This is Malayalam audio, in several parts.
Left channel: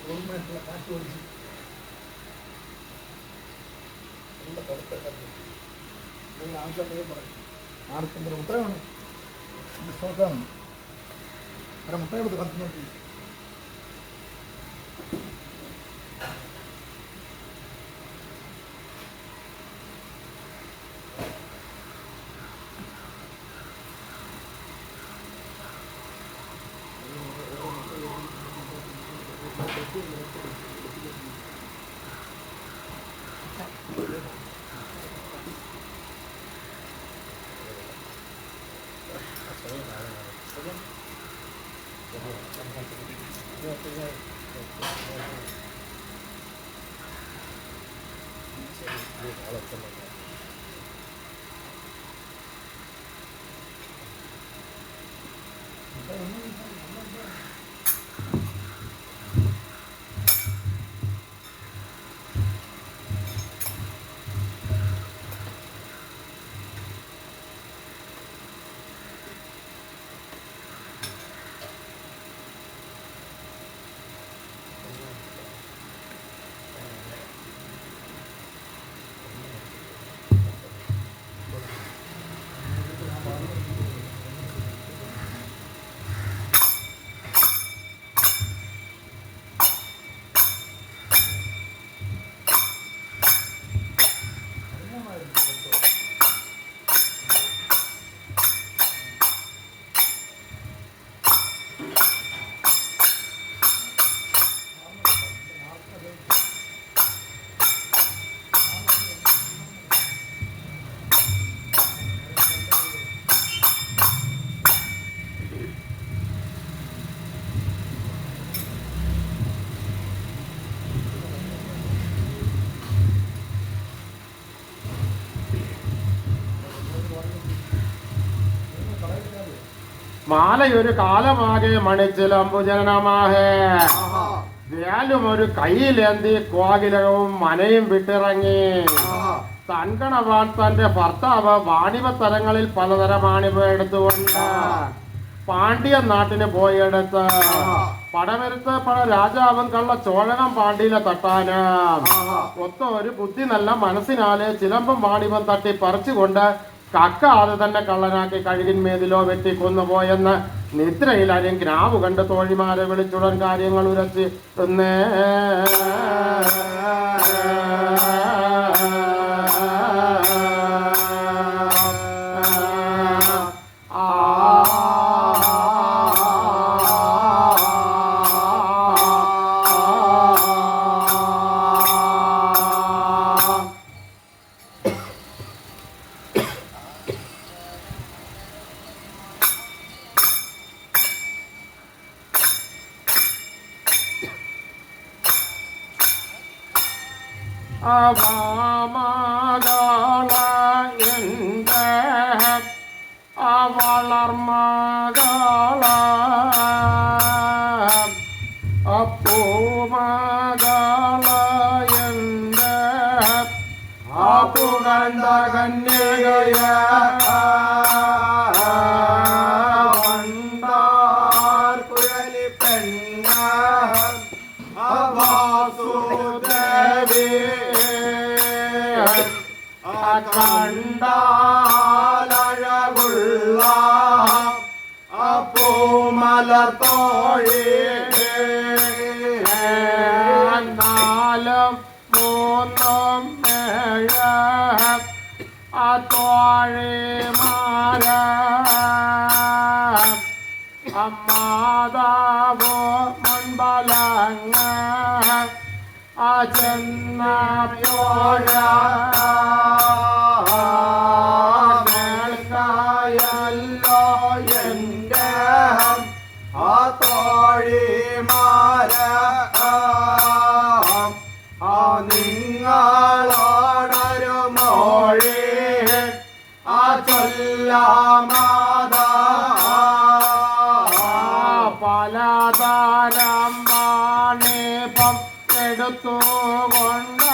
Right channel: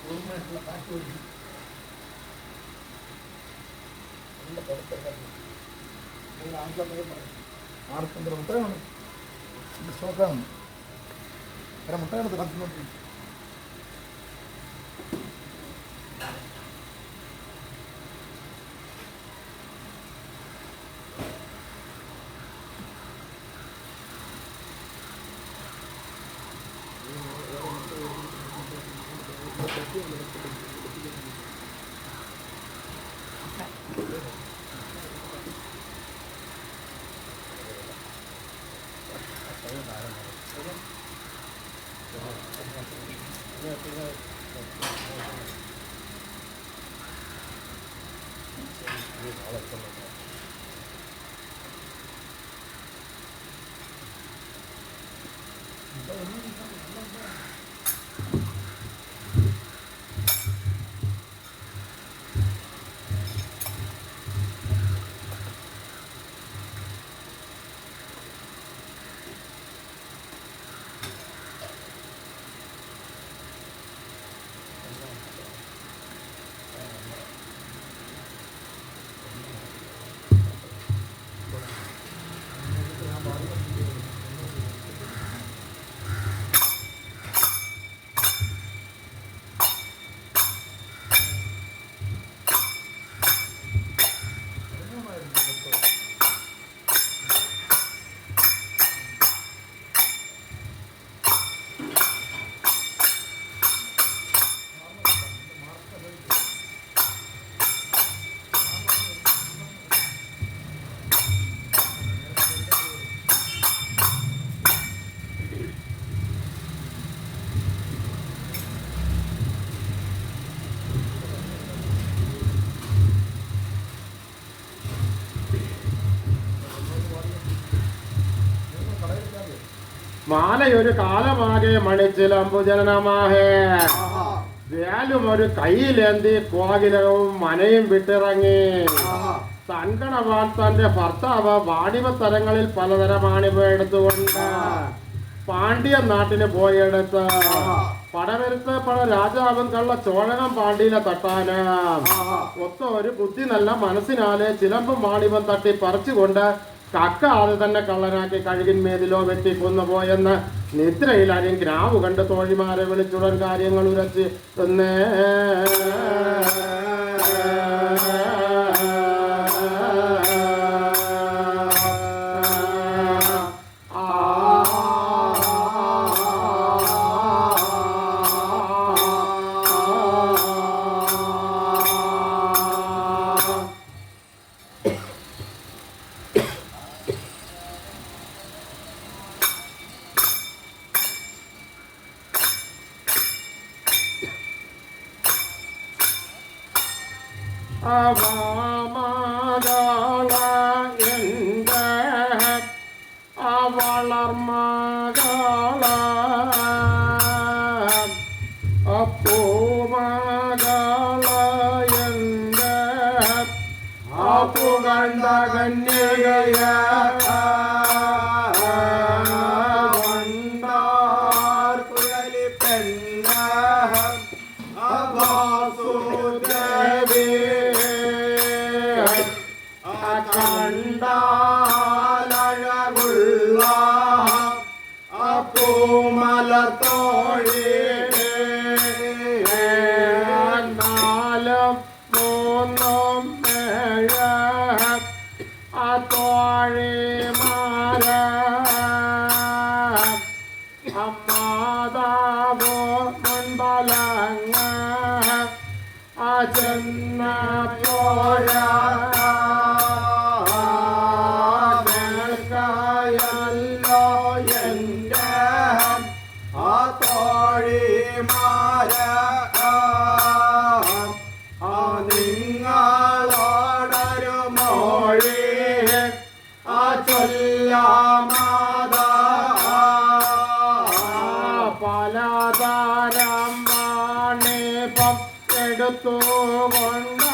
പൂർണ്ണമായിട്ടുള്ള കാറ്റ് ഓടിച്ച് നല്ല കറുത്ത ആർക്കൊണ്ടൊരു മുട്ടയാണ് സ്റ്റോക്കാണ് വേറെ മുട്ടയെടുത്ത് കത്തുന്നോണ്ടിരിക്കും. മാലയൊരു കാലമാകെ മണിച്ചിലമ്പുജനമാഹേ വ്യാലും ഒരു കയ്യിലേന്തി കോകിലകവും മനയും വിട്ടിറങ്ങി. തൻകണവാൻ തന്റെ ഭർത്താവ് വാണിഭത്തരങ്ങളിൽ പലതരം ആണിവ എടുത്തുകൊണ്ട് പാണ്ഡ്യ നാട്ടിന് പോയെടുത്ത് പടവരുത്ത് പട രാജാവും കള്ള ചോഴകം പാണ്ഡ്യനെ തട്ടാന് ഒത്ത ഒരു ബുദ്ധി നല്ല മനസ്സിനാലെ ചിലമ്പും വാണിഭം തട്ടി പറിച്ചുകൊണ്ട് കക്ക അത് തന്നെ കള്ളനാക്കി കഴുകിന്മേലിലോ വെട്ടി കൊന്നുപോയെന്ന് നിദ്രയിൽ അരിയും ഗ്രാവ് കണ്ട് തോഴിമാരെ വിളിച്ചുടൻ കാര്യങ്ങൾ ഉരച്ച് എന്നേ അവളമകള എൻ്റെ അവളർമകള അപ്പൂമകള എൻ്റെ ആപ്പുകണ്ട കന്യകയ വണ്ടാർ കുഴലി പെണ്ണ അവാസുദേവി കണ്ടാലഴകുള്ള പൂമലത്തോഴി നാലും മൂന്നും ഏഴ് തോഴിമാര അമ്മാതാവോ മുൻപലങ്ങ ചെന്നപ്പോഴ മേൽക്കായല്ലോ എൻ്റെ ആ തോഴിമാര നിങ്ങളോടൊരു മൊഴി ചൊല്ലാമാതാ പലതരം വാണിഭം എടുത്തുകൊണ്ട്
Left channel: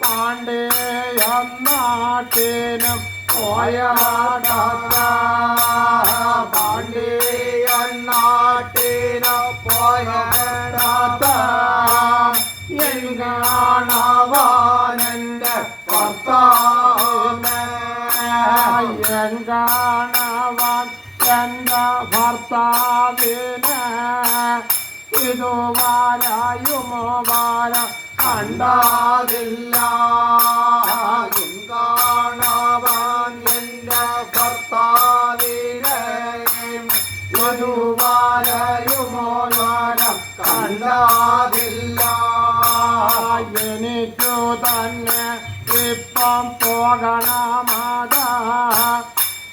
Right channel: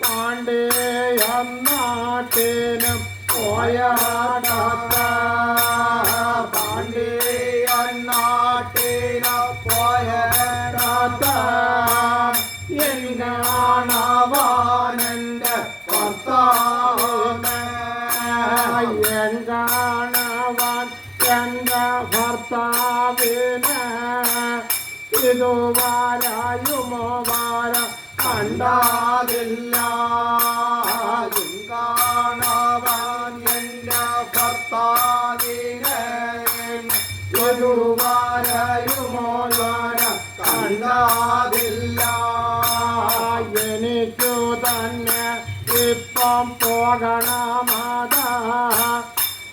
പാണ്ഡ്യ നാട്ടിനും പോയാട പാണ്ഡ്യ നാട്ടിൽ കാണവാനെന്റെ ഭർത്താവിനെ കാണവാൻ എന്റെ ഭർത്താവിനെ ഇതുവാരായുമോ വാര കണ്ടാതില്ല കാണവാൻ എന്റെ ഭർത്താവിനെ ഒരുവാരയുമോ വാര കണ്ടാതില്ല എനിക്കു തന്നെ ഇപ്പം പോകണമാതാ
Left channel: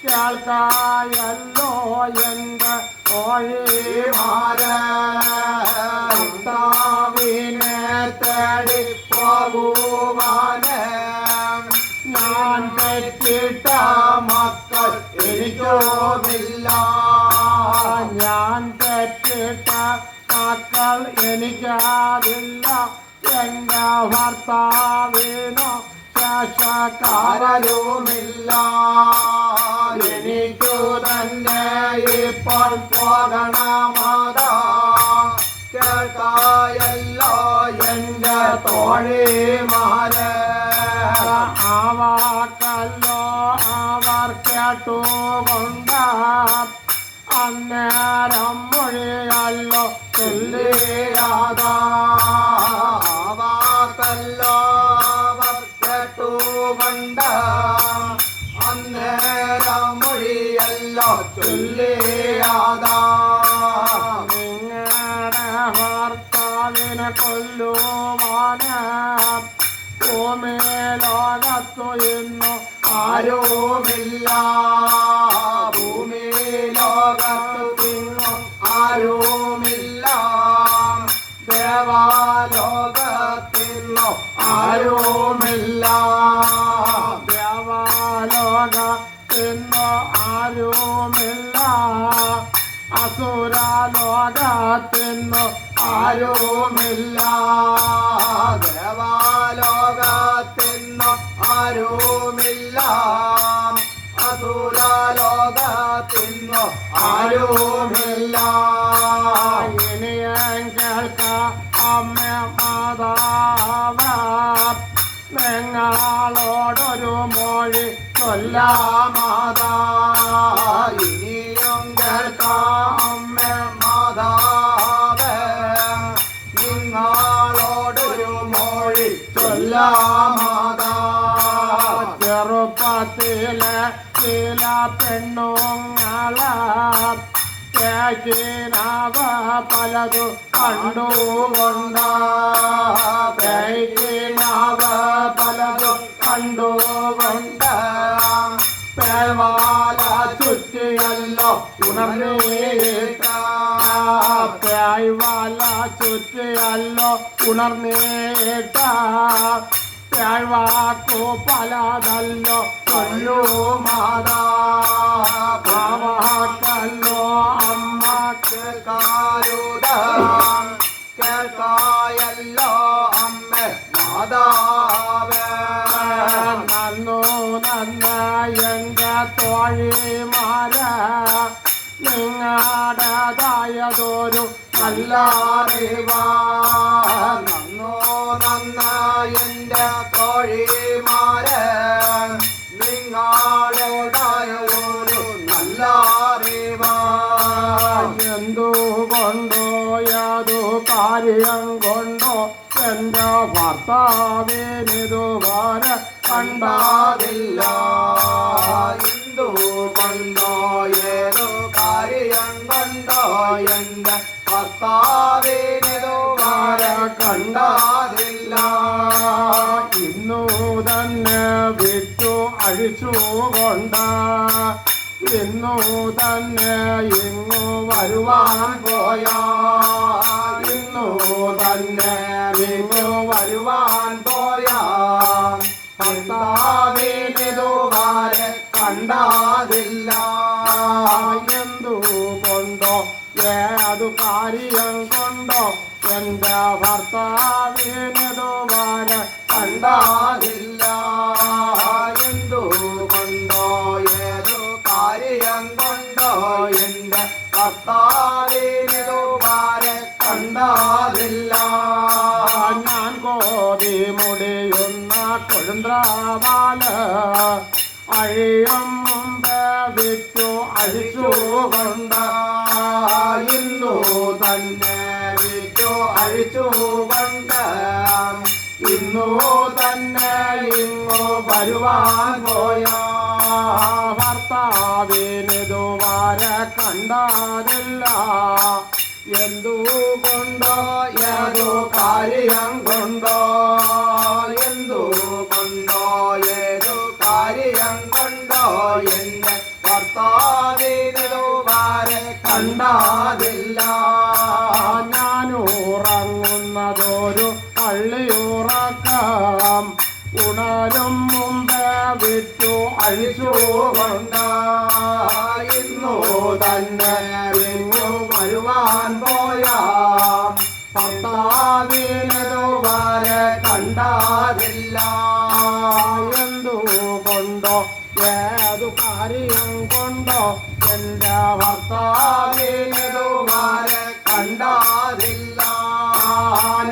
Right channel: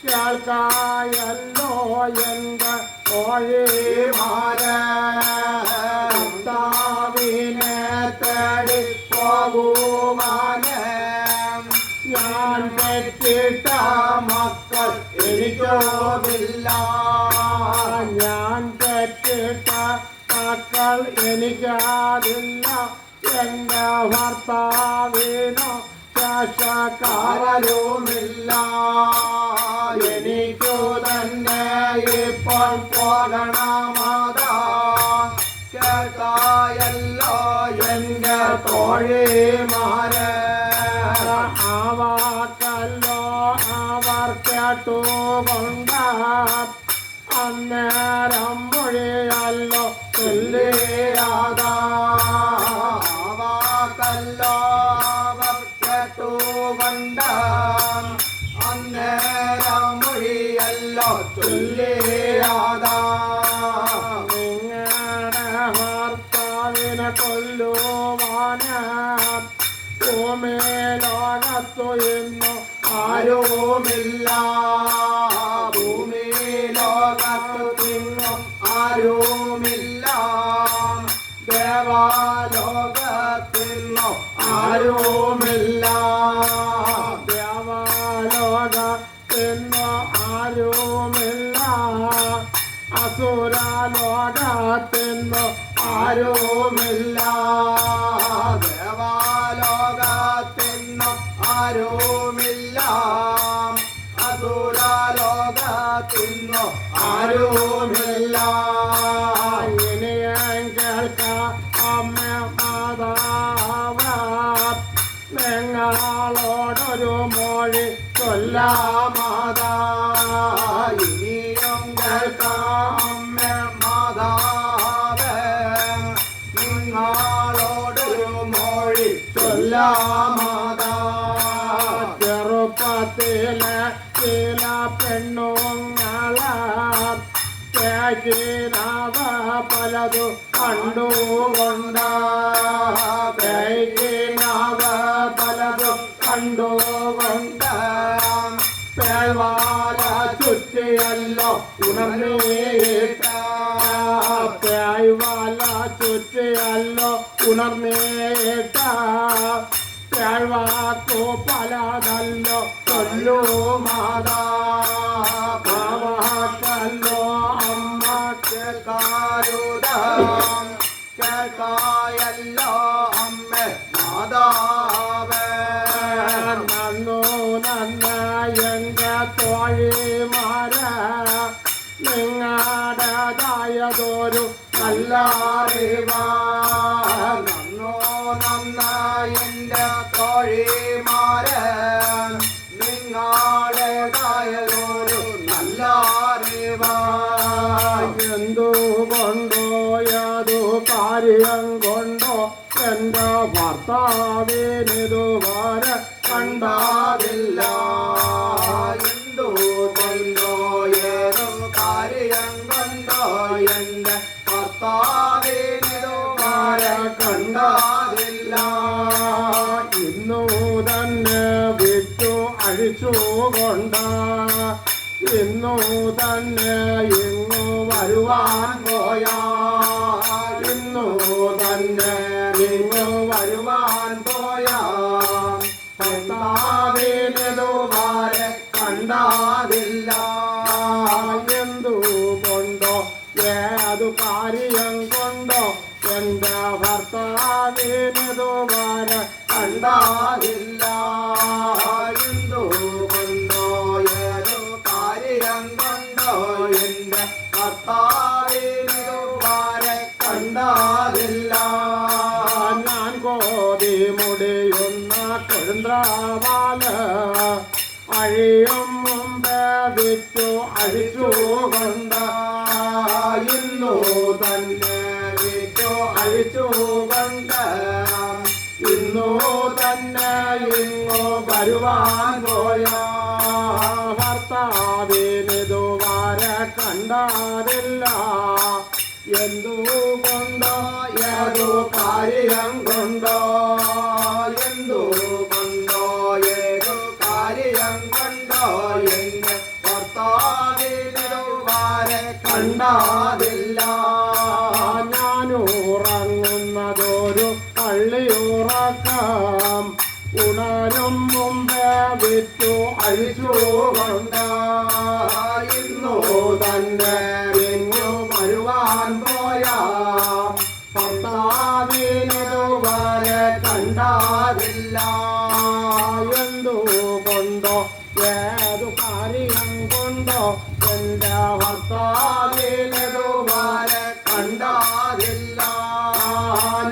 കേൾക്കായല്ലോ എന്റെ ഭർത്താവിനെ തേടി പോകുവാന് ഞാൻ പെറ്റിട്ട മക്കൾ എനിക്കുമില്ല ഞാൻ പെറ്റിട്ട മക്കൾ എനിക്കറില്ല എന്റെ ഭർത്താവിനോ ശേഷക്കാരരുമില്ല എനിക്കു തന്നെ ഇപ്പോൾ പോകണമാതാ കേൾക്കായല്ലോ എന്റെ തോഴിമാരെ ആവാക്കല്ലോ അവർ കേട്ടുകൊണ്ട് അന്നേരം മൊഴിയല്ലോ ചൊല്ലിയാതാവാക്കല്ലോ കേട്ടുകൊണ്ട് അന്നേരം മൊഴിയല്ലോ ചൊല്ലിയാതാ നിങ്ങളുടെ ഭർത്താവിനെ കൊല്ലുവാന് ഭൂമി ലോകത്തു ഇന്നു ആരുമില്ല ഭൂമി ലോകത്തു തിങ്ങും ആരുമില്ല ദേവാലോകത്തിന്നു ആരുമില്ല ദേവലോകത്തിന്നു ആരുമില്ല അസുരലോകത്തിന്നു ആരുമില്ല ദേവാലോകത്തിന്നു ആരുമില്ല അസുരലോകത്തിന്നു ആരുമില്ല ഇനിയും കേൾക്ക അമ്മ മാതാവ നിങ്ങളോടൊരു മൊഴി കൊല്ലാമാതാ ഇനിയും കേൾക്കാം മാതാവേ നിങ്ങളോടൊരു മൊഴി കൊല്ലാമാതാ ചെറുപ്പത്തിലെ ചില പെണ്ണുങ്ങളെ കേക്കിനാവ പലതു കണ്ടുകൊണ്ട് കേക്കിനാവ പലതു കണ്ടുകൊണ്ട് പേവാല ചുറ്റിയല്ലോ ഉണർന്നേട്ട പേയ്വാല ചുറ്റിയല്ലോ ഉണർന്നേട്ട പേഴ്വാക്കു പലതല്ലോ കൊല്ലു മാതാ പാവാക്കല്ലോ അമ്മ കേൾക്കാരുതാം കേൾക്കായല്ലോ അമ്മ മാതാവേ നന്നു നന്ന എന്റെ തോഴിമാര നിങ്ങളുടേതായതൊരു നല്ല അറിവാ നന്നോ നന്നായി എൻ്റെ തോഴിമാരെ നിങ്ങളുടേതായൊരു നല്ല അറിവാ എന്തുകൊണ്ടോ യാതു കാര്യം കൊണ്ടോ എന്റെ ഭർത്താവിനിതുവരെ കണ്ടാതില്ല എന്തു കൊണ്ടോ ഏതോ കാര്യം കൊണ്ടോ എൻ്റെ ഭർത്താവിനിതുവരെ കണ്ടാതില്ല ഇന്നു തന്നെ വിറ്റു അഴിച്ചുകൊണ്ട് ഇന്നു തന്നെ ഇങ്ങു വരുവാൻ പോയാ ഇന്നു തന്നെ ഇങ്ങു വരുവാൻ പോയാ ഭർത്താവിനിതുവരെ കണ്ടാതില്ല എന്തുകൊണ്ടോ ഏതു കാര്യം കൊണ്ടോ എന്റെ ഭർത്താവിനിതുവരെ കണ്ടാതില്ല എന്തു കൊണ്ടോ ഏതോ കാര്യം കൊണ്ടോ എൻ്റെ ഭർത്താവിനിതുവരെ കണ്ടാതില്ല ഞാൻ കോതി ചന്ദ്രവാല അഴിയും മുമ്പേ വിറ്റു അഴിച്ചുകൊണ്ട് ഇന്നു തന്നെ വിറ്റു അഴിച്ചുകൊണ്ട് ഇന്നു തന്നെ ഇങ്ങു വരുവാൻ പോയ ഭർത്താവിനിതുവരെ കണ്ടതില്ല. എന്തുകൊണ്ടോ ഏതു കാര്യം കൊണ്ടോ എന്തുകൊണ്ടോ ഏതു കാര്യം കൊണ്ടോ എന്റെ ഭർത്താവിനുവാരെ കണ്ടതില്ല. ഞാനുറങ്ങുന്നതൊരു പള്ളിയുറക്കം ഉണരും മുമ്പേ വിറ്റു അഴിച്ചുകൊണ്ട് ഇന്നു തന്നെ ഇങ്ങു വരുവാൻ പോയ ഭർത്താവിനുവാരെ കണ്ടതില്ല. എന്തുകൊണ്ടോ ഏതു കാര്യം കൊണ്ടോ എന്റെ ഭർത്താവിനുവാരെ കണ്ടതില്ല.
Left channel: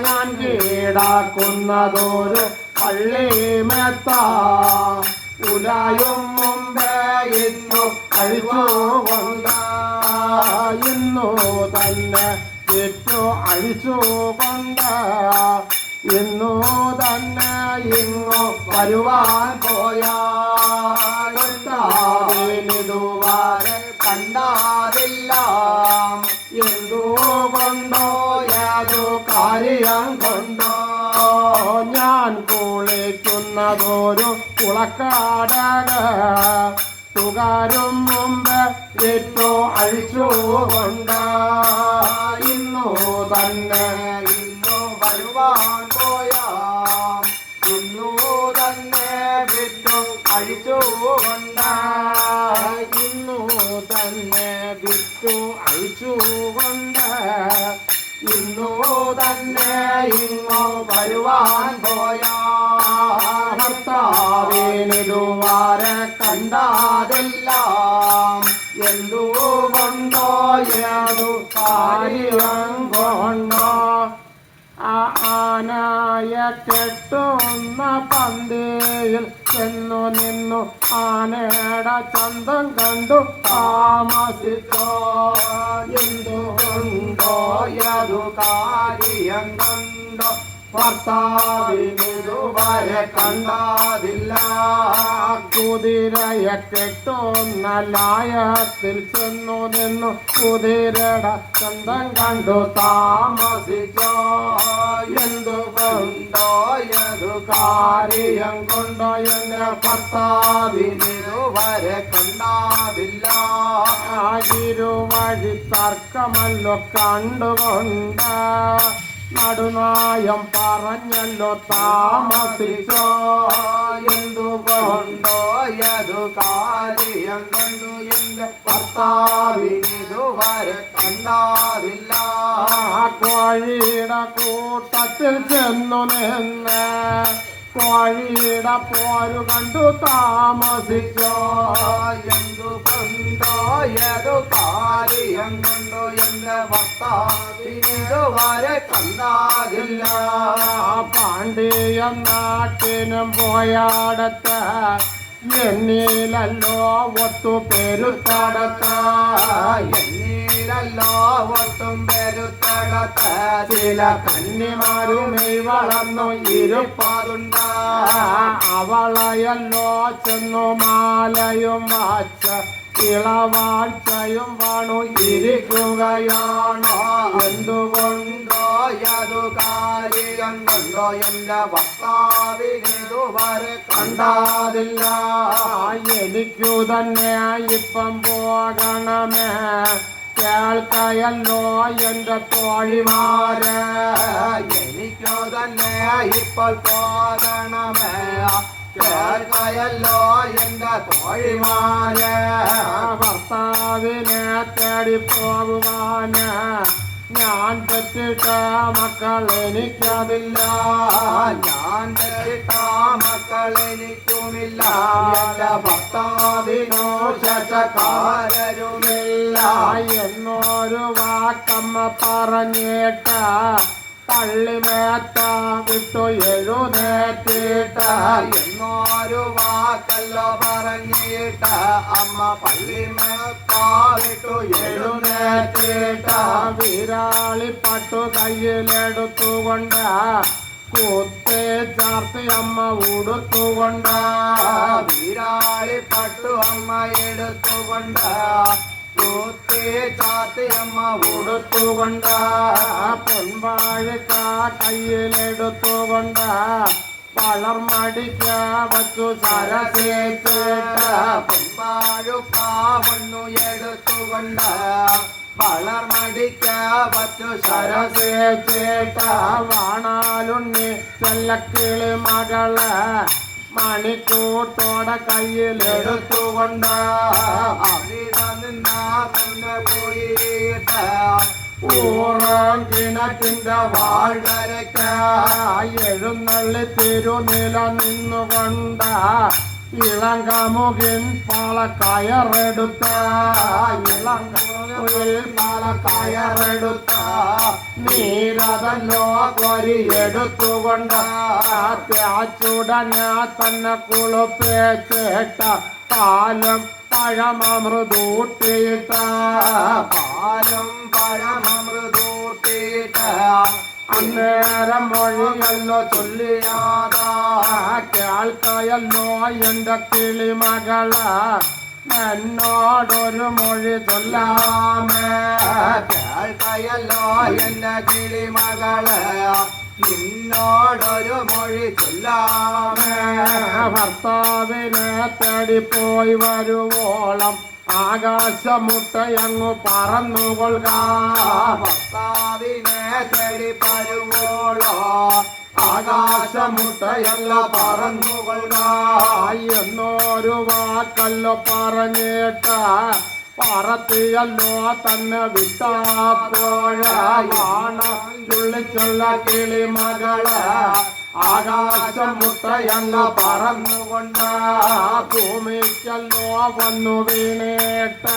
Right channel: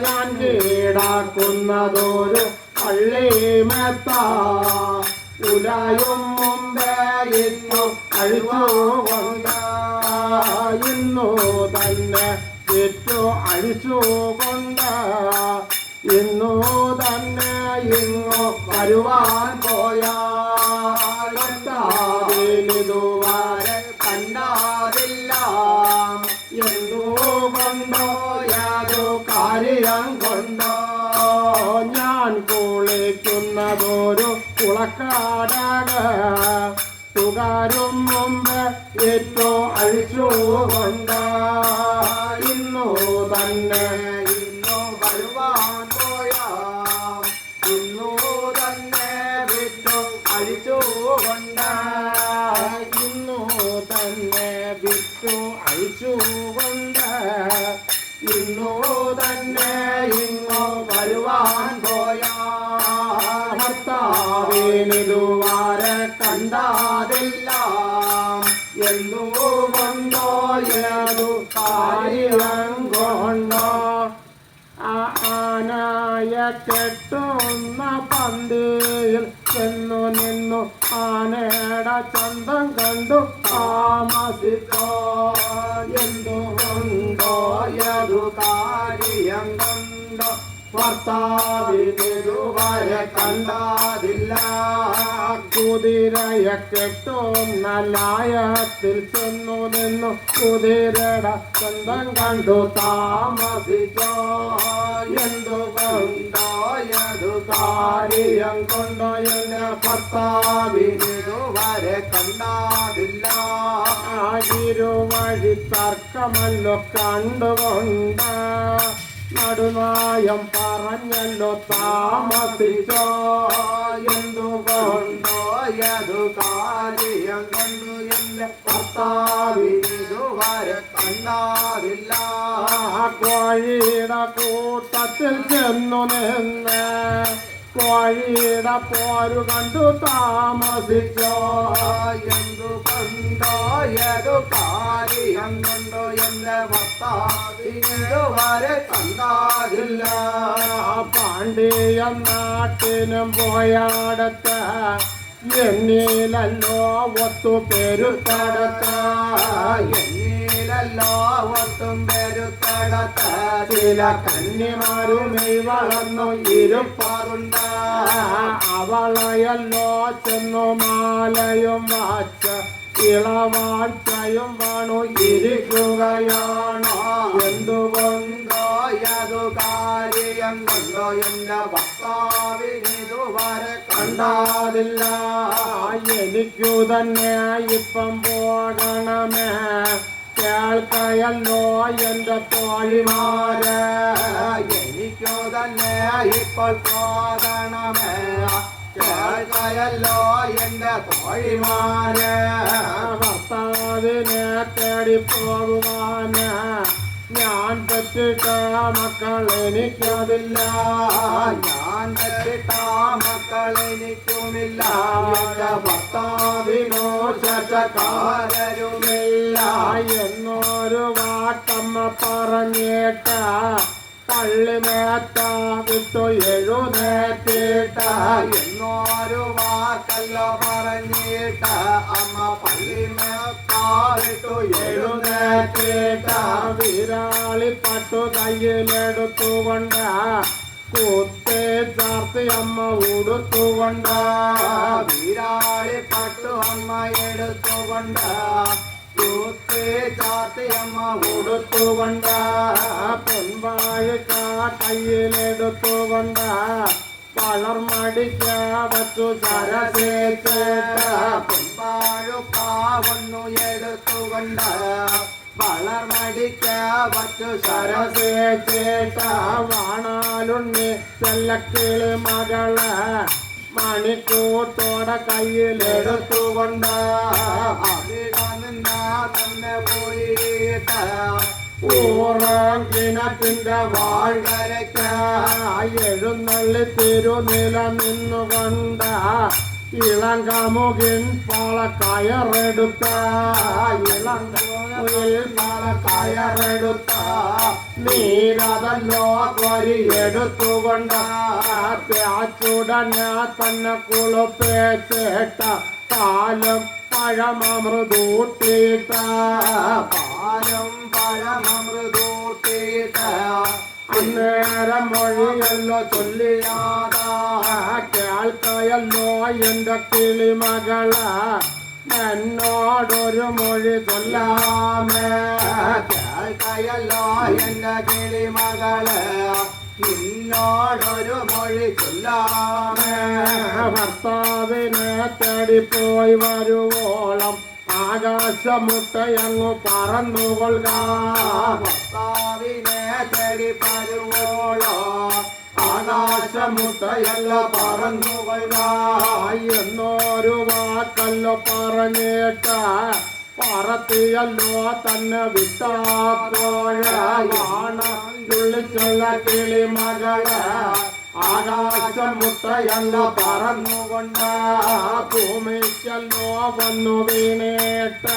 ഞാൻ കീഴാക്കുന്നതൊരു പള്ളിമെത്ത ഉലയും മുമ്പേ ഇന്നു അഴിച്ചുകൊണ്ട് ഇന്നു തന്നെ വിറ്റു അഴിച്ചുകൊണ്ട് ഇന്നു തന്നെ ഇങ്ങു വരുവാൻ പോയ ഭർത്താവിനുവാരെ കണ്ടതില്ല. എന്തുകൊണ്ടോ യാതൊരു കാര്യം കൊണ്ടോ ഞാൻ കുളിക്കുന്നതൊരു കുളക്കാടക തുകാരും മുമ്പ് ഏറ്റു അഴിച്ചുകൊണ്ട് ഇന്നു തന്നെ ഇന്നു വരുവാൻ പോയ ഇന്നു തന്നെ വിട്ടു അഴിച്ചുകൊണ്ട് ഇന്നു തന്നെ വിറ്റു അഴിച്ചുകൊണ്ട് ഇന്നു തന്നെ ഇങ്ങു വരുവാൻ പോയ ഭർത്താവിനിതുവരെ കണ്ടതില്ല. എന്തുകൊണ്ടോ ഏതു കാര്യം കൊണ്ടോ ആനയെ കെട്ടുന്ന പന്തിയിൽ ചെന്നു നിന്നു ആനയുടെ ചന്തം കണ്ടു താമസിച്ചോ. എന്തുകൊണ്ടോ ഏതു കാര്യം കൊണ്ടോ ഭർത്താവിനുവരെ കണ്ടതില്ല. കുതിരയെ കെട്ടുന്ന ലായത്തിൽ ചെന്നു നിന്നു കുതിരയുടെ ചന്തം കണ്ടു താമസിച്ചോ. എന്തുകൊണ്ടോ ഏതു കാര്യം കൊണ്ടോ എന്റെ ഭർത്താവിനുവരെ കണ്ടതില്ല. ഇരുവഴി തർക്കമല്ലോ കണ്ടുകൊണ്ട് നടുനായം പറഞ്ഞല്ലോ താമസിച്ചോ. എന്തുകൊണ്ടോ ഏതു കാര്യം കണ്ടു എന്റെ ഭർത്താവിനുവരെ കണ്ടതില്ല. കോഴിയുടെ കൂട്ടത്തിൽ ചെന്നു നിന്ന് കോഴിയുടെ പോരു കണ്ടു താമസിച്ചോ. എന്തുകൊണ്ടോ ഏതു കാര്യം കൊണ്ടോ എന്റെ ഭർത്താവിനുവരെ കണ്ടതില്ല. പാണ്ഡ്യ നാട്ടിനും പോയാടത്ത് എന്നിലല്ലോ ഒത്തു പെരുത്തടത്ത് എന്നിലല്ലോ ഒട്ടും പെരുത്തടത്ത ചില കന്നിമാരുമേ വളർന്നു ഇരുപ്പതുണ്ട്. അവളയല്ലോ ചെന്നു മാലയും വാച്ച് ഇളവാഴ്ചയും വേണു ഇരിക്കുകയാണോ. എന്തുകൊണ്ടോ ഏതു കാര്യം കൊണ്ടോ എന്റെ ഭർത്താവിനുവരെ കണ്ടതില്ല. എനിക്കു തന്നെ ഇപ്പം പോകണമേ കേൾക്കയല്ലോ എന്റെ തോഴിമാരെ. എനിക്കു തന്നെ ഇപ്പോൾ പോകണമേ കേൾക്കയല്ലോ എന്റെ തോഴിമാരെ. ഭർത്താവിനെ തേടി പോകുവാന് ഞാൻ തെറ്റിട്ട മക്കൾ എനിക്കതില്ല. ഞാൻ തെറ്റിട്ട മക്കൾ എനിക്കുമില്ല. എന്റെ ഭർത്താവിനോ ശേഷക്കാരരുമില്ല. എന്നൊരു വാക്കമ്മ പറഞ്ഞിട്ട് പള്ളിമേത്ത വിട്ടു എഴുന്നേറ്റിട്ട് എന്നോ എന്നൊരു വാക്കല്ലോ പറഞ്ഞിട്ട് അമ്മ പള്ളിമേക്കാവിട്ടു എഴുന്നേറ്റിട്ട വിരാളി പട്ടു കയ്യിലെടുത്തുകൊണ്ട് കുത്തേ ചാർത്തി അമ്മ ഉടുത്തുകൊണ്ട് വിരാളി പട്ടു അമ്മ എടുത്തുകൊണ്ട് കുത്തി ചാർത്തി അമ്മ ഉടുത്തുകൊണ്ട് പൊൻവാഴക്ക കയ്യിലെടുത്തുകൊണ്ട് വളർമടിക്ക വച്ചു സരസേച്ചേട്ട പൊൻപാഴുക്കാവണ്ണു എടുത്തുകൊണ്ട് വളർമടിക്ക വച്ചു സരസേച്ചേട്ട വാണാലുണ്ണി ചെല്ലക്കിളി മകള് മണിക്കൂട്ടോടെ കയ്യിലെടുത്തുകൊണ്ട് അവിടെ നിന്നാ തന്നെ പോയിട്ട് ഊറം കിണറ്റിന്റെ വാഴ്കരയ്ക്ക എഴുന്നള്ളി തിരുനില നിന്നുകൊണ്ട് ഇളം കമുകിൻ പാള കയറെടുത്ത ഇളം കമുകിൽ പാള കയറെടുത്ത നീരതല്ലോ കൊരിയെടുത്തുകൊണ്ട് തേച്ചുടനെ തന്നെ കുളിപ്പേച്ചേട്ട പാലും പഴമൃതൂട്ടിയിട്ട പാലും പഴമൃതൂട്ടിയിട്ട അന്നേരം മൊഴിയല്ലോ ചൊല്ലിയാതാ കേൾക്കയല്ലോ എന്റെ കിളിമകള് എന്നോടൊരു മൊഴി ചൊല്ലാമേ കേൾക്കയല്ലോ എന്റെ കിളിമകള് നിന്നോടൊരു മൊഴി ചൊല്ലാമേ ഭർത്താവിനെ തേടിപ്പോയി വരുവോളം ആകാശമുട്ടയങ്ങു പറന്നുകൊള്ളുക ഭർത്താവിനെ തേടി പരുവോളോ ആകാശമുട്ടയല്ല പറന്നുകൊള്ളുക എന്നൊരു വാക്കല്ലോ പറഞ്ഞിട്ട് പറത്തിയല്ലോ തന്നെ വിട്ടാപ്പോഴാണ് ചുള്ളിച്ചുള്ള കിളിമകള് ആകാശമുട്ടയല്ല പറന്നുകൊണ്ട് ഭൂമിക്കല്ലോ വന്നു വീണേട്ട്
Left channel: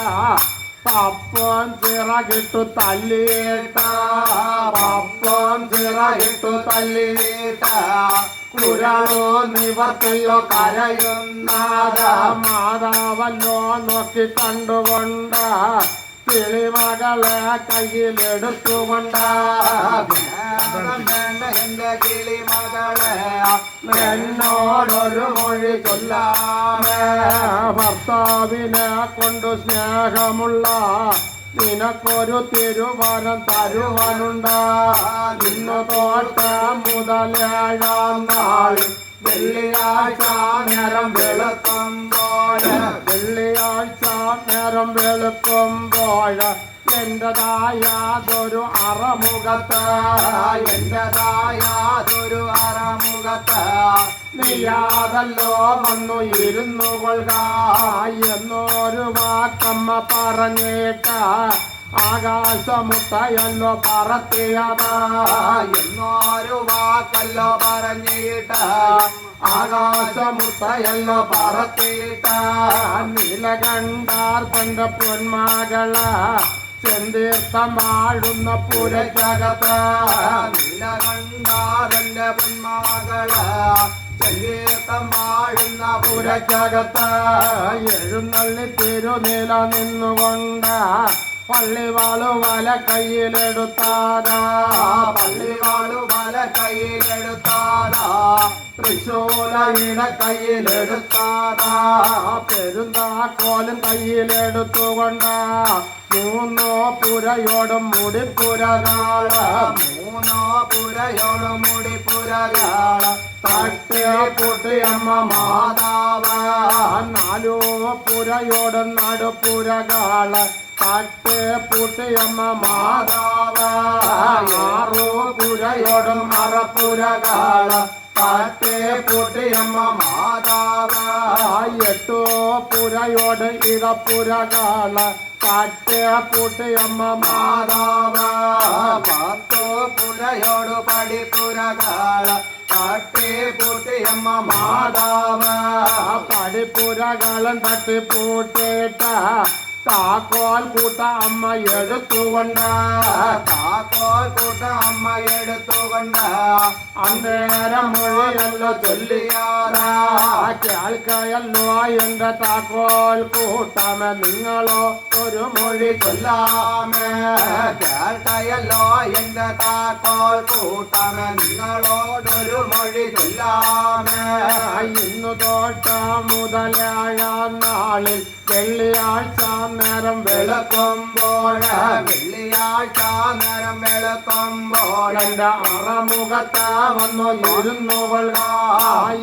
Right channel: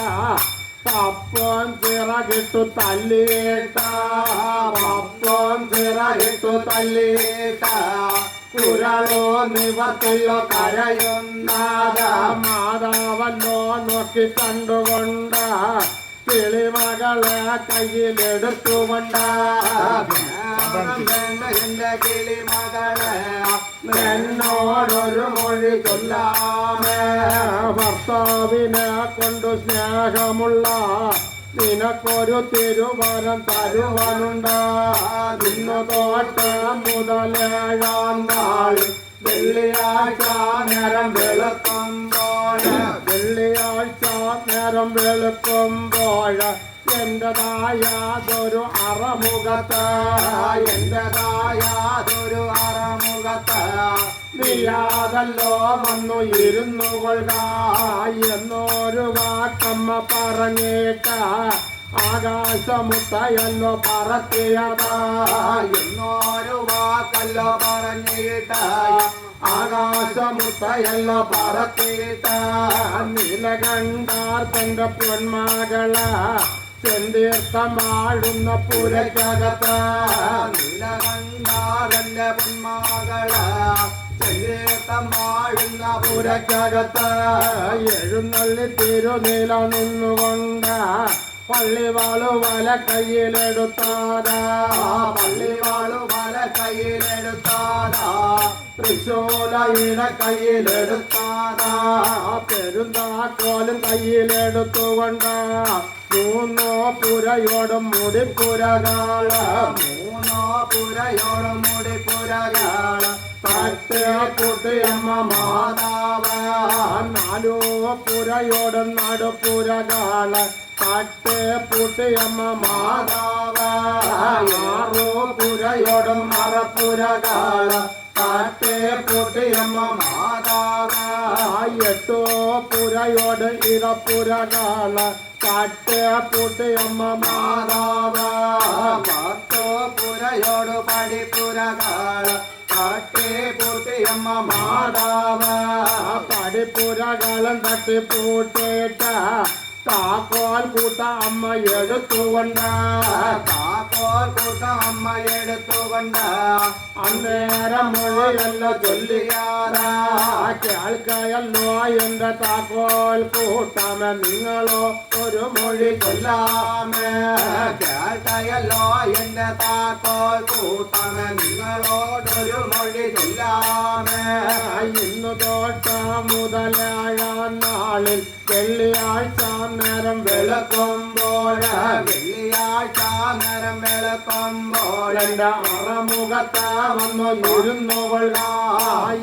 പപ്പം ചിറകിട്ടു തല്ലിയേട്ട പപ്പം ചിറകിട്ടു തല്ലിയേട്ട കുരളോ നിവർത്തില്ലോ കരയുന്നാഥ മാതാവല്ലോ നോക്കി കണ്ടുകൊണ്ട് കിളിമകളെ കയ്യിലെടുത്തുകൊണ്ട് വേണ്ട എന്റെ കിളിമകളെ എന്നോടൊരു മൊഴി ചൊല്ലാമേ ഭർത്താവിനെ കൊണ്ട് സ്നേഹമുള്ള നിനക്കൊരു തിരുവരം തരുവാനുണ്ട് നിന്നു തോട്ട് മുതലേഴാം നാൾ വെള്ളിയാഴ്ച നേരം വെളുക്കുമ്പോൾ വെള്ളിയാഴ്ച നേരം വെളുക്കുമ്പോൾ എന്റേതായാതൊരു അറമുഖത്ത് എന്റേതായാതൊരു അറമുഖത്ത് നീയാതല്ലോ വന്നു ഇരുന്നു കൊള്ളുക എന്നൊരു വാക്കമ്മ പറഞ്ഞേട്ട് ആകാശമുട്ടയല്ലോ പറത്തിയതാ എന്നൊരു വാക്കല്ലോ പറഞ്ഞിട്ട് ആകാശമുട്ടയല്ലോ പറത്തിയിട്ട് നീലകണ്ഠാർ തന്റെ പൊന്മകള് ചെന്തീർത്ഥമാഴുന്ന പുരയ്ക്കകത്ത് നീലകണ്ഠാരന്റെ പൊന്മകള് ചെന്തീർത്ഥമാഴുന്ന പുരയ്ക്കകത്ത് എഴുന്നള്ളി തിരുനില നിന്നുകൊണ്ട് പള്ളിവാളു വല കയ്യിലെടുത്താതാ പള്ളിവാളു വല കയ്യിലെടുത്താതാ തൃശൂലയിട കയ്യിലെടുത്താതാ പെരുന്താക്കോലും കയ്യിലെടുത്തുകൊണ്ട് മൂന്നോ പുരയോടും മുടിപ്പുരകാള് മൂന്നോ പുരയോടും മുടിപ്പുരകാള് തട്ട് പൊട്ടിയമ്മ മാതാവ് നാലോ പുരയോടും നടുപ്പുരകാള് തട്ട് പൊട്ടിയമ്മ മാതാവ് ആറോ പുരയോടും മറപ്പുരകാള് തട്ട് പൊട്ടിയമ്മ മാതാവ് എട്ടോ പുരയോട് ഇറപ്പുരകാള് തട്ട് പൊട്ടിയമ്മ മാതാവ് പത്തോ പുരയോട് പടിപ്പുരകാള് തട്ടി പൂട്ടിയമ്മ മാതാവ് പടിപ്പുരകാലം തട്ടിപ്പൂട്ടിട്ട് താക്കോൽ കൂട്ട അമ്മ എടുത്തുകൊണ്ട് താക്കോൽ കൂട്ട അമ്മ എടുത്തുകൊണ്ട് അന്നേരം മൊഴിയല്ല ചൊല്ലിയാറാ കേൾക്കയല്ലോ എന്റെ താക്കോൽ കൂട്ടമേ നിങ്ങളോ ഒരു മൊഴി ചൊല്ലാമേ കേട്ടയല്ലോ എന്റെ താക്കോൽ കൂട്ടമേ നിങ്ങളോടൊരു മൊഴി ചൊല്ലാമേ ഇന്നു തൊട്ട മുതലായ നാളിൽ വെള്ളിയാഴ്ച നേരം വെളുക്കുമ്പോൾ വെള്ളിയാഴ്ച നേരം വെളുക്കുമ്പോൾ എന്റെ അറമുഖത്ത് വന്നു ഇരുന്നു കൊള്ളുക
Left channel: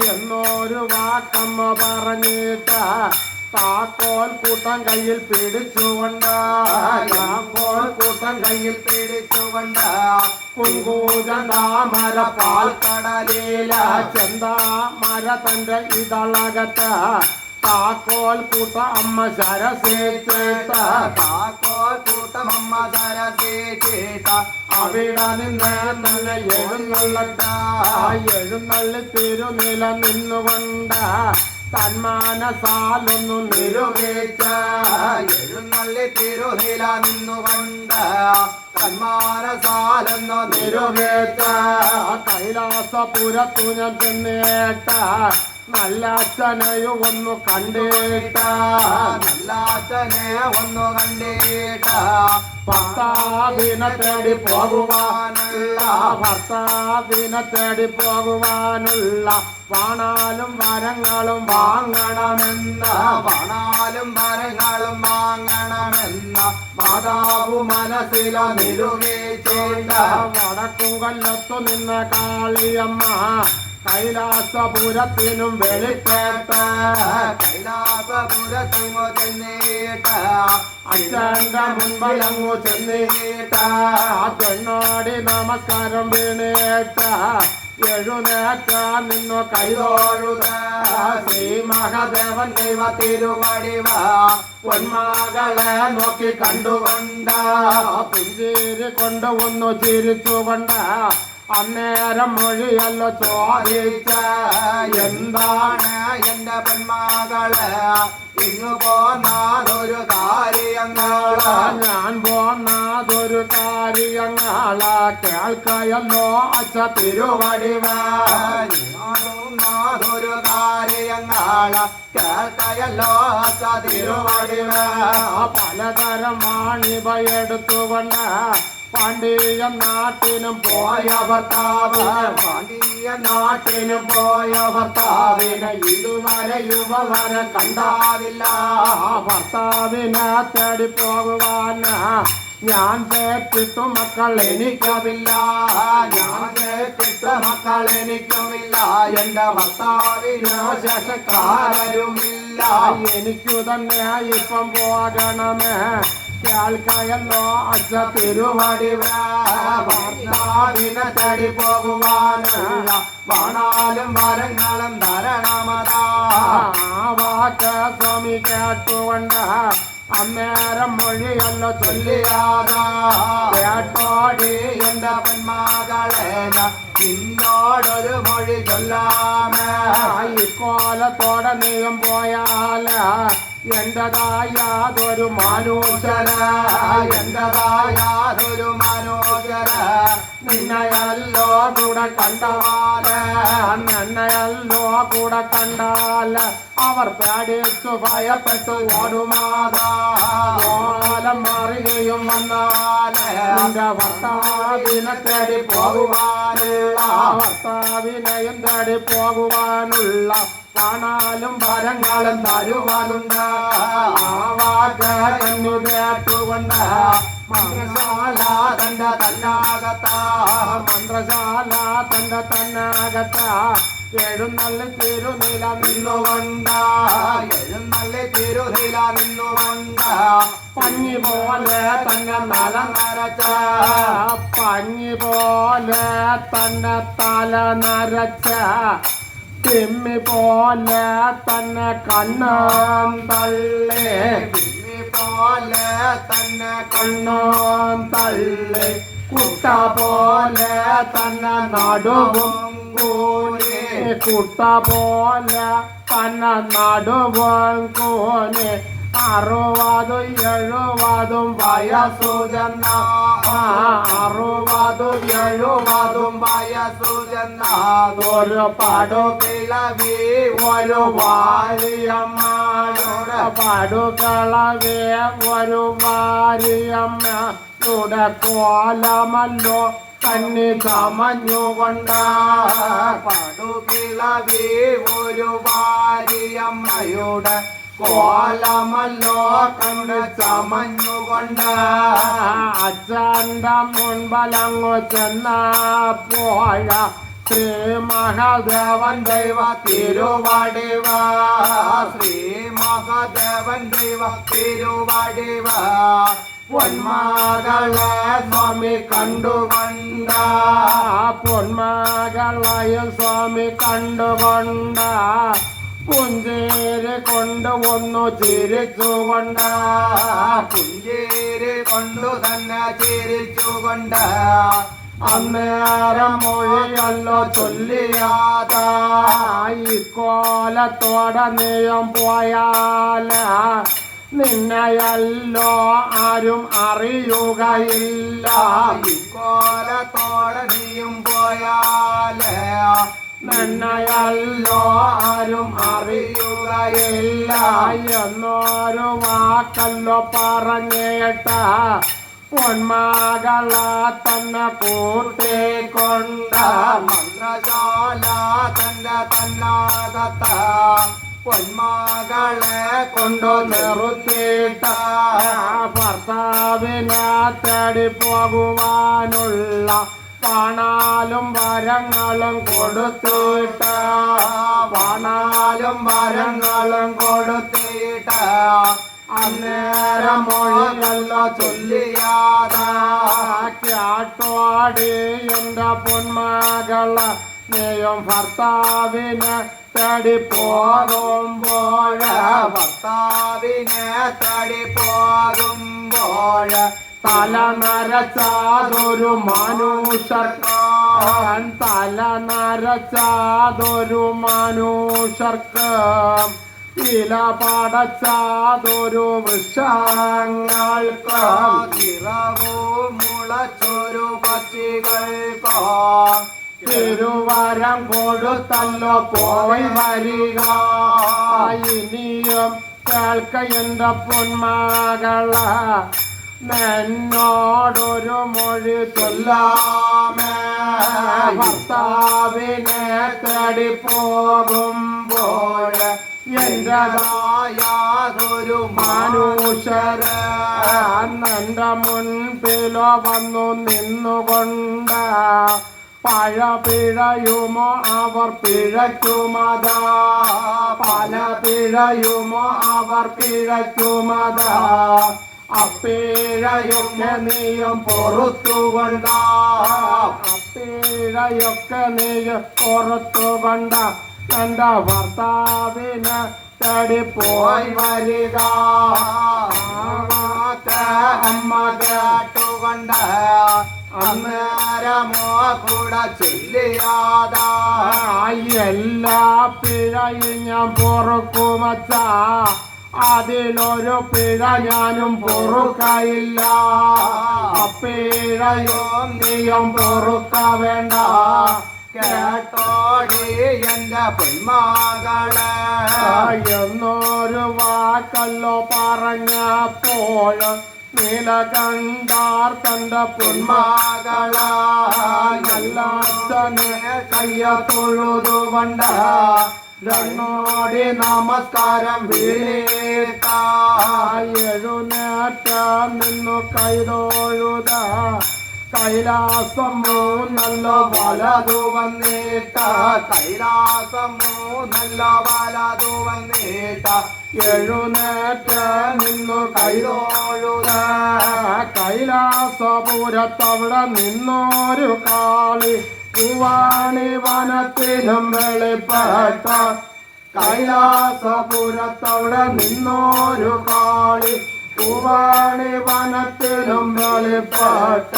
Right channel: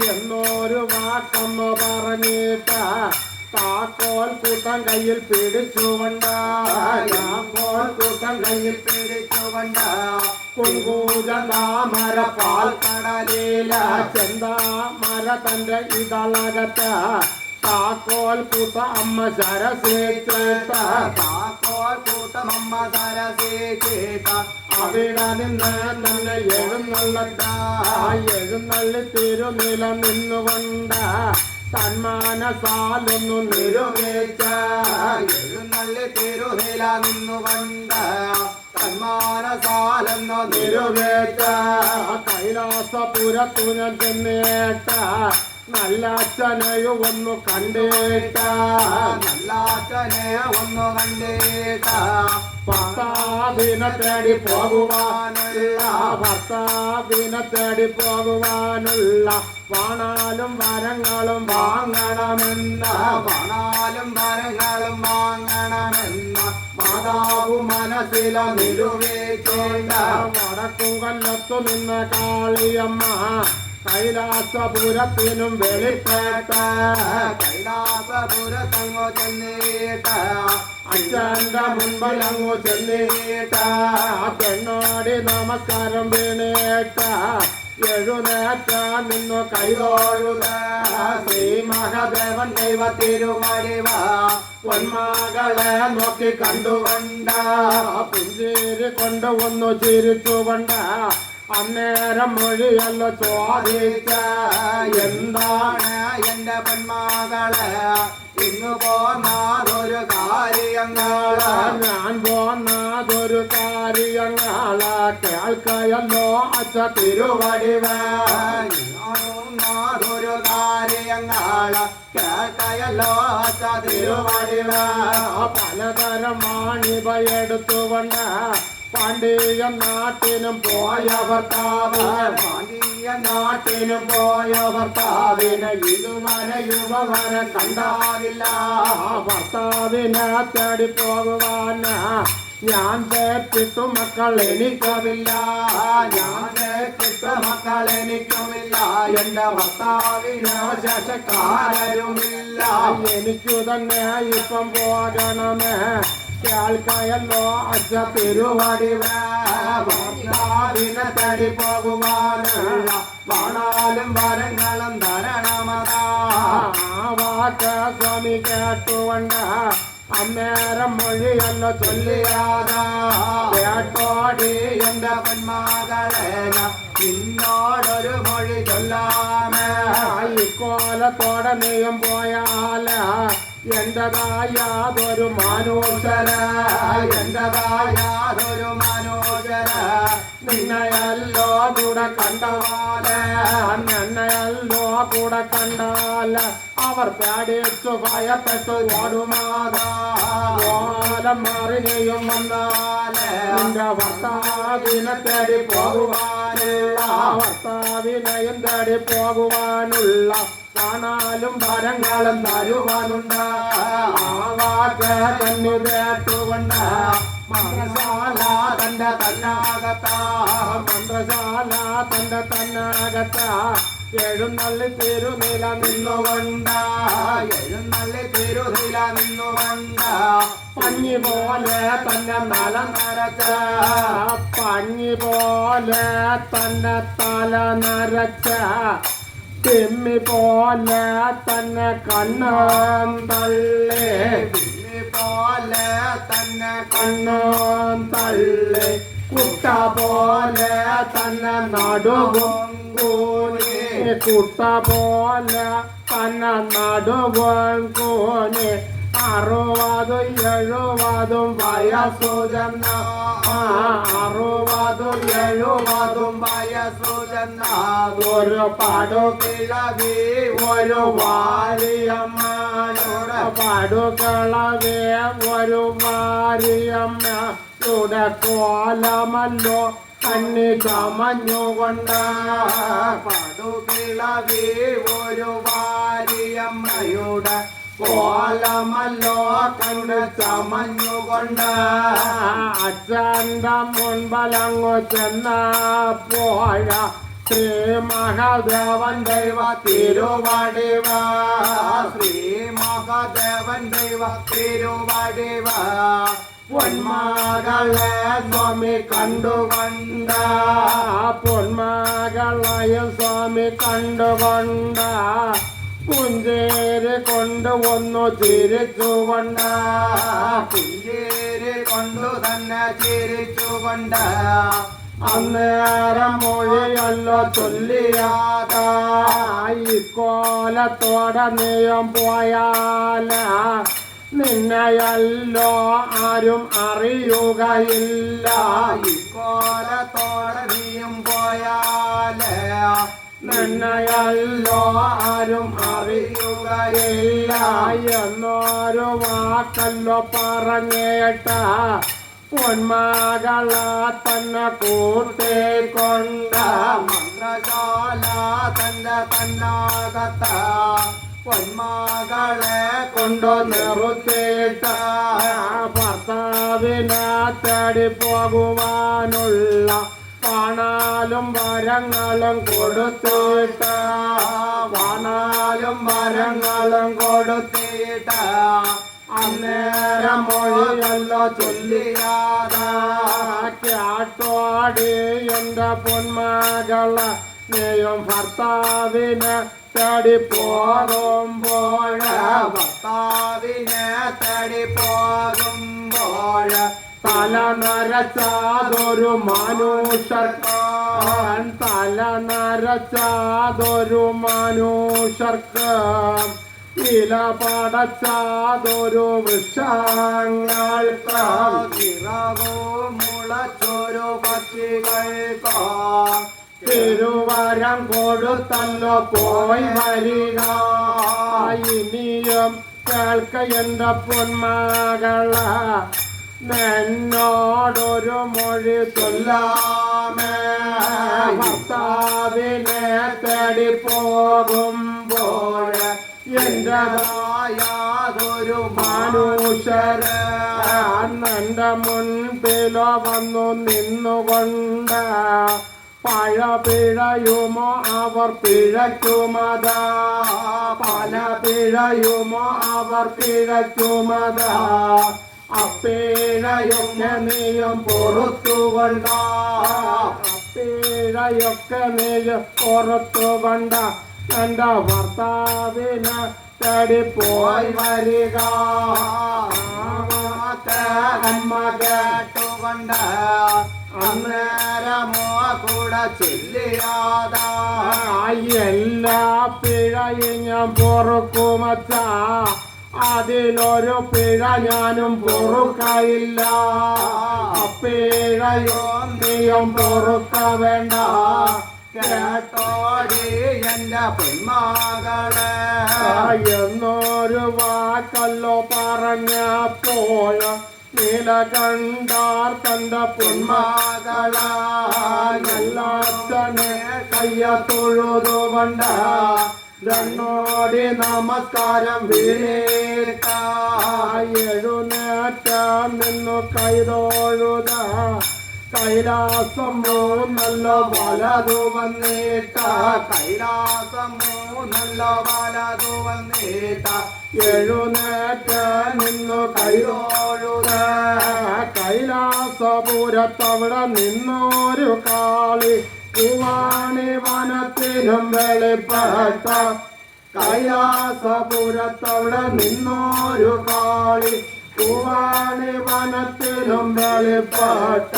എന്നൊരു വാക്കമ്മ പറഞ്ഞിട്ട് താക്കോൽ കൂട്ടം കയ്യിൽ പിടിച്ചുകൊണ്ട് താക്കോൽ കൂട്ടം കയ്യിൽ പിടിച്ചുകൊണ്ട് കുങ്കൂജന്താമര പാൽക്കടലില ചെന്താമര തന്റെ ഇതളകത്ത് താക്കോൽ കൂട്ട അമ്മ ശരസേച്ചേത്ത താക്കോൽ കൂട്ടമമ്മ സരസേറ്റ അവിടെ നിന്ന് നല്ല എഴുന്നള്ളി തിരുനില നിന്നുകൊണ്ട് തന്മാനസാലൊന്നു നിരുവേച്ച എഴുന്നള്ളി തിരുനില നിന്നുകൊണ്ട് തന്മാനസാലെന്നു നിരുവേച്ച കൈലാസപുരത്തു ഞാൻ ചെന്നേട്ട നല്ല അച്ഛനെയും ഒന്ന് കണ്ടേട്ട നല്ല അച്ഛനെ ഒന്ന് കണ്ടേട്ട ഭർത്താവിനെ തേടി പോകുവാനുള്ള വാണാലും വരങ്ങളും വാങ്ങണമെന്ന പണാലും മരങ്ങളും വാങ്ങണമെന്ന മാതാവു മനസ്സില നിലുവേച്ചോണ്ട വടക്കും കൊല്ലത്തു നിന്ന കാളിയമ്മ കൈലാസപുരത്തിനും വെളിപ്പെട്ട കൈലാസപുരത്തങ്ങോ ചെന്നേട്ട അച്ഛന്റെ മുൻപിലങ്ങു ചെന്നീട്ട പെണ്ണോടി നമസ്കാരം വീണേട്ട എഴുന്നേറ്റ നിന്നു കൈതോഴുക ശ്രീ മഹാദേവൻ ദൈവ തിരുവടിവ പൊന്മകളെ നോക്കി കണ്ടുകൊണ്ട പുഞ്ചിരി കൊണ്ട് ഒന്ന് ചിരിച്ചുകൊണ്ട് അന്നേരം മൊഴിയല്ല ചോദിച്ച എന്താണ് എന്റെ പൊന്മകളെ ഇന്നു പോന്നതൊരു കാര്യങ്ങള് ഞാൻ പോന്നതൊരു കാര്യങ്ങളാ കേൾക്കയല്ലോ അച്ഛ തിരുവടിവ ൊരു കാര്യങ്ങള് കേട്ടയല്ലോ തിരുവടിവ പലതരം വാണിഭ എടുത്തുകൊണ്ട് പാണ്ഡ്യ നാട്ടിനും പോയ ഭർത്താവ് പാണ്ഡ്യ നാട്ടിനും പോയ ഭർത്താവിനെ ഇതുവരെ യുവവരെ കണ്ടാവില്ല ഭർത്താവിനെ തേടി പോകുവാന് ഞാൻ കേട്ടിട്ടു മക്കൾ എനിക്കവില്ല ഞാൻ കേട്ടിട്ട് മക്കൾ എനിക്കുമില്ല എന്റെ ഭർത്താവിന് ശേഷക്കാരുമില്ല എനിക്കു തന്നെ ഇപ്പം പോകണമേ കേൾക്കയല്ലോ അച്ഛ തിരുവടിവ ഭർത്താവിനെ തേടി പോകുവാനുള്ള വാണാലും വരങ്ങളും ധരണമതാ വാക്ക് സ്വാമി കേട്ടുകൊണ്ട് അന്നേരം മൊഴിയല്ല ചൊല്ലിയാതാ കേട്ടോടി എന്റെ പൊന്മകളെ നിന്നോടൊരു മൊഴി ചൊല്ലാമേ ഇക്കോലത്തോടെ നീയും പോയാല എന്റേതായാതൊരു മനോജര എന്റേതായാതൊരു മനോജര നിന്നയല്ലോ കൂടെ കണ്ടവാല് നിന്നയല്ലോ കൂടെ കണ്ടാൽ അവർ പേടിച്ചു ഭയപ്പെട്ടു ഓടുമാതാ ഓലം മാറുകയും വന്നാല് നിന്റെ ഭർത്താവിനെ തേടി പോകുവാനുള്ള ഭർത്താവിനെയും തേടി പോകുവാനുള്ള കാണാലും ഫലങ്ങളും തരുവാനുണ്ട് ആ വാക്ക് തന്നു കേട്ടുകൊണ്ട് മന്ത്രശാല തന്റെ തന്നാകത്ത മന്ത്രശാല തന്റെ തന്നാകത്ത എഴുന്നള്ളി തിരുനില നിന്നുകൊണ്ട് എഴുന്നള്ളി തിരുനില നിന്നുകൊണ്ട് പഞ്ഞി പോലെ തന്നെ തല നരച്ച പഞ്ഞി പോലെ തന്നെ തല നരച്ച തിമ്മി പോലെ തന്നെ കണ്ണാം തള്ളി പോലെ തന്നെ കണ്ണാം തള്ളി കുട്ട പോലെ തന്നെ നടുവും കൂനി കുട്ട പോലെ തന്നെ നടുവും കൂനി 60 70 വയസ്സു ചെന്ന 60 70 വയസ്സു ചെന്നതൊരു പടുകിളവി ഒരു വാരിയമ്മയുടെ പടുകിളവി ഒരു വാരിയമ്മയുടെ കോലമല്ലോ കന്നി ചമഞ്ഞുകൊണ്ട് പടുകിളവി ഒരു വാരിയമ്മയുടെ കോലമല്ലോ കണ്ട് ചമഞ്ഞുകൊണ്ട് അച്ഛൻ്റെ മുൻപലങ്ങു ചെന്നപ്പോഴ ശ്രീ മഹാദേവൻ ദൈവ തിരുവടിവ ശ്രീ മഹാദേവൻ ദൈവ തിരുവടിവ പൊന്മകളെ സ്വാമി കണ്ടുകൊണ്ട പൊന്മകളെയും സ്വാമി കണ്ടുകൊണ്ട പുഞ്ചേരി കൊണ്ട് ഒന്നു ചിരിച്ചുകൊണ്ട് പുഞ്ചേരി കൊണ്ടു തന്നെ ചിരിച്ചുകൊണ്ട് അന്നേരം മൊഴിയല്ലോ ചൊല്ലിയാതായി കോലത്തോടെ നീയം പോയാല നിന്നെയല്ലോ ആരും അറിയുകയില്ല കോലത്തോടെ നീയും പോയാലേ നിന്നെയല്ലോ ആരും അറിയുകയില്ല എന്നൊരു വാക്കല്ലോ പറഞ്ഞേട്ട പൊന്മകളെ തന്നെ കൂട്ടിക്കൊണ്ട് മന്ത്രശാല തന്റെ തന്നാകത്ത പൊന്മകളെ കൊണ്ടു നിർത്തിയിട്ട ഭർത്താവിനെ തേടി പോകുവാനുള്ള പണാലും വരങ്ങളും കൊടുത്തിട്ട് പണാലും വരങ്ങളും കൊടുത്തിട്ട് അന്നേരം മൊഴികളോ ചൊല്ലിയാതാട്ടോടി എന്റെ പൊന്മകള് നീയും ഭർത്താവിനെ തേടി പോകുമ്പോൾ ഭർത്താവിനെ തടി പോകുമ്പോൾ തല നരച്ചാതൊരു മനുഷ്യർക്ക് തല നരച്ചാതൊരു മനുഷ്യർക്ക് ഇല പടച്ചാതൊരു വൃക്ഷങ്ങൾക്ക് ഇറവു മുളച്ചൊരു പക്ഷികൾക്കോ തിരുവരം കൊടുത്തല്ലോ പോയി വരിക ഇനിയും കേൾക്ക എന്റെ പൊന്മകള് എന്നോടൊരു മൊഴി ചൊല്ലാമേ ഭർത്താവിനെ തേടി പോകുമ്പോൾ എന്റേതായാതൊരു മനുഷ്യര് എന്റെ മുൻപിലോ വന്നു നിന്നുകൊണ്ട് പഴ പിഴയുമോ അവർ പിഴയ്ക്കുമതാ പല പിഴയുമോ അവർ പിഴയ്ക്കുമതാ അപ്പീഴയൊക്കെ നീയും പൊറുത്തുകൊണ്ട അപ്പീഴയൊക്കെ നീയും പൊറുത്തുകൊണ്ട എന്റെ ഭർത്താവിന് തേടി പോയി വരിക അമ്മ കേട്ടുകൊണ്ട് അന്നേരമോ കൂടെ ചൊല്ലിയാതാ എല്ലാ പിഴയും ഞാൻ പൊറുക്കുമച്ച അതിലൊരു പിഴ ഞാനും പൊറുക്കയില്ല പിഴയും നീയും പൊറുക്ക വേണ്ട കേട്ടോടി എന്റെ പൊന്മകളെ എന്നൊരു വാക്കല്ലോ പറഞ്ഞപ്പോൾ നീലകണ്ഠാർ തന്റെ പൊന്മകളെ എല്ലാത്തനെ കയ്യ തൊഴുതുകൊണ്ട് രണ്ടോടി നമസ്കാരം വീഴേക്ക എഴുന്നേറ്റ നിന്നു കൈതൊഴുത കൈലാസം മൂന്നല്ല വലതു വന്നേട്ട കൈലാസം മൂന്നല്ല വലതു വന്നേട്ട എഴുന്നേറ്റ നിന്നു കൈതൊഴുത കൈലാസപുരത്തവിടെ നിന്നൊരു കാളി പൂവാണി വനത്തിലും വെളിപ്പെട്ട കൈലാസപുരത്തവിടെ നിന്നൊരു കാളി പൂവാണി വനത്തിലും വെളിപ്പെട്ട